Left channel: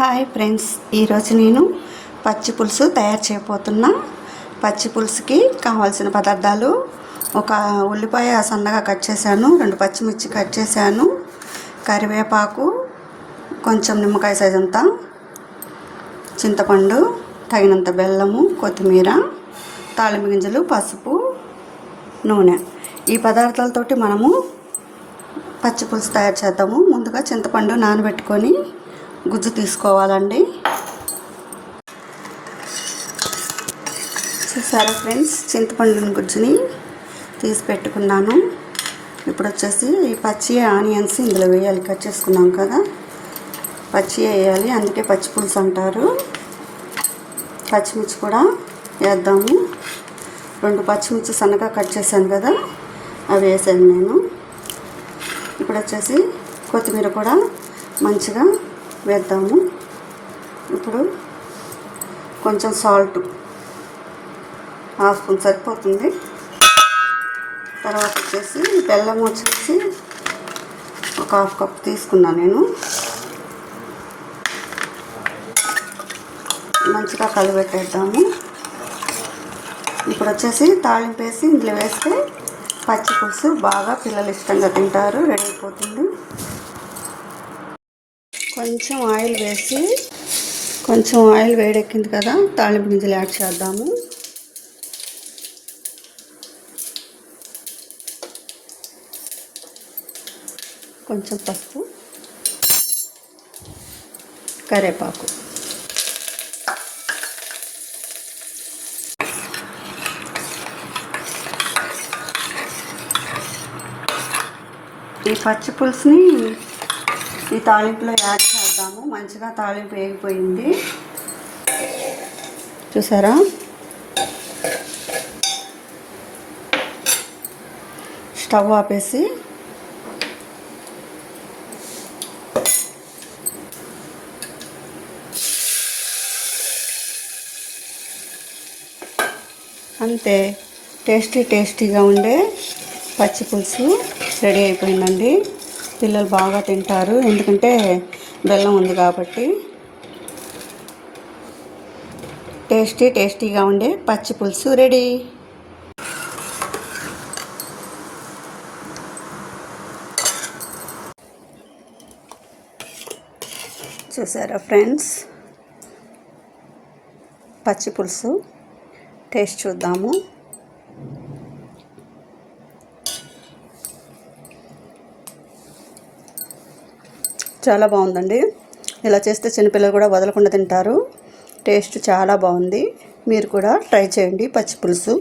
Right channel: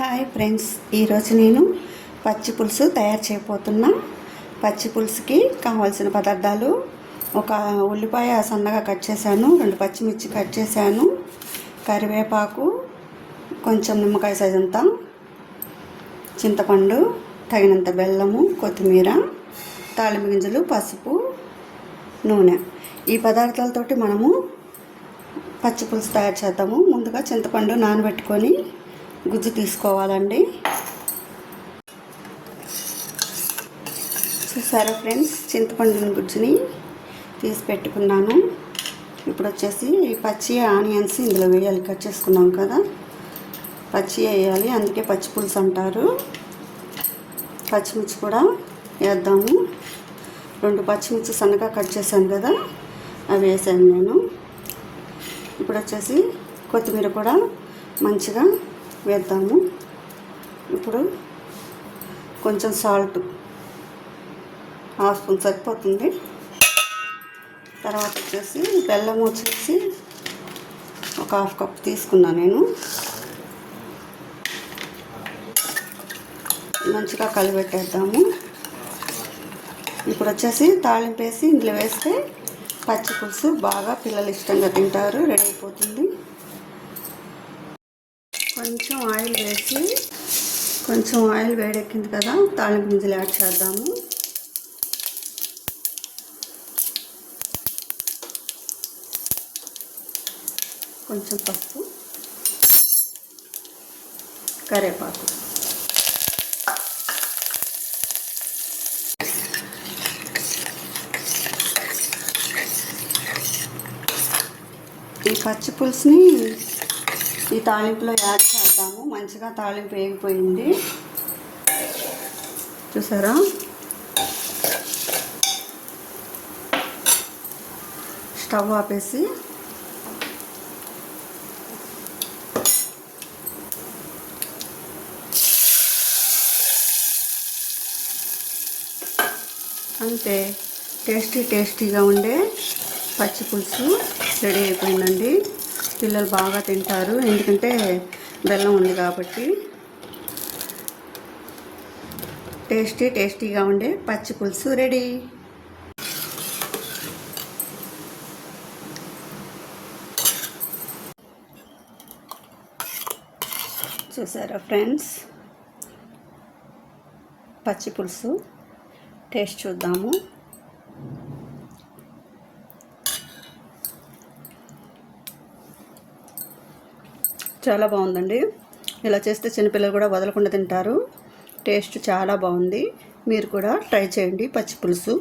Hi friends ఈరోజు నేను పచ్చి పులుసు తయారు చేయబోతున్నా. పచ్చి పులుసుకి కావాల్సిన పదార్థాలు ఒక ఉల్లిపాయ సన్నగా కట్ చేశాను రెండు పచ్చిమిర్చి కట్ చేశాను కరివేపాకు కొంచెం నిమ్మకాయ సైజంతా చింతపండు తగినంత బెల్లము కొత్తిమీర తాళింపు గింజలు పసుపు నూనె. ఈ పదార్థాలతోటి మనము పచ్చి పులుసు తయారు చేద్దాము. ముందుగా చింతపండు నానబెట్టుకొని గుజ్జు తీసుకోవాలండి. చూసారా ఫ్రెండ్స్? చింతపండు గుజ్జుని తీసి పెట్టుకున్నాను. ఇప్పుడు వచ్చేసి ఈ పచ్చి ఆనియన్స్ ఇందులో వేయాలి. కట్ చేసుకున్నాం కదా. పచ్చి వేయాలి. అందుకే పచ్చి పులుసు అంటారు. పచ్చిమిర్చి కూడా వేద్దాము. రెండు పచ్చిమిర్చి సన్నగా కట్ చేశాను కదా. అవి వేసాను నేను. ఇప్పుడు వచ్చేసి కొత్తిమీర కూడా మంచిగా వేద్దాము. ఇప్పుడు కొంచెం సాల్ట్ హాఫ్ స్పూన్ సరిపోతుంది. తర్వాత వచ్చేసి బెల్లం వచ్చేసి ఒక హాఫ్ కప్ తీసుకున్నాను నేను. మంచిగా కలిపెట్టేద్దాము. ఇప్పుడు వచ్చేసి తాళింపు వేసి ఇందులో వేస్తే పచ్చి పులుసు బాగా పిల్లలు ఇష్టంగా తింటారు రెడీ అయిపోతుంది. కొంచెం ఆయిల్ వేసి కొంచెం ఆయిల్ వేడెక్కింది కదా తాళింపు గింజలు యాడ్ చేద్దాము. కొంచెం పసుపు కరేపాకు. ఈ పచ్చి పులుసుని ఈ తాలింపులో యాడ్ చేద్దాము. మంచిగా తాలింపు వేగిపోయింది. చూసారా? స్టవ్ ఆపేసి అంతే టేస్టీ టేస్టీగా ఉండే పచ్చి పులుసు రెడీ అయిపోయిందండి. పిల్లలు బాగా తింటారు. ఎందుకంటే బెల్లం ఉంది కాబట్టి. టేస్టీ టేస్టీగా ఉండే పచ్చి పులుసు రెడీ. చూసారా ఫ్రెండ్స్? పచ్చి పులుసు. టేస్ట్ చూద్దాము. చాలా బాగుందండి. ఇలా చేస్తే చిన్నపిల్లలు కూడా వదలకుండా తింటారు. టేస్ట్ చాలా బాగుంది. మీరు కూడా ట్రై చేయండి పచ్చి పులుసు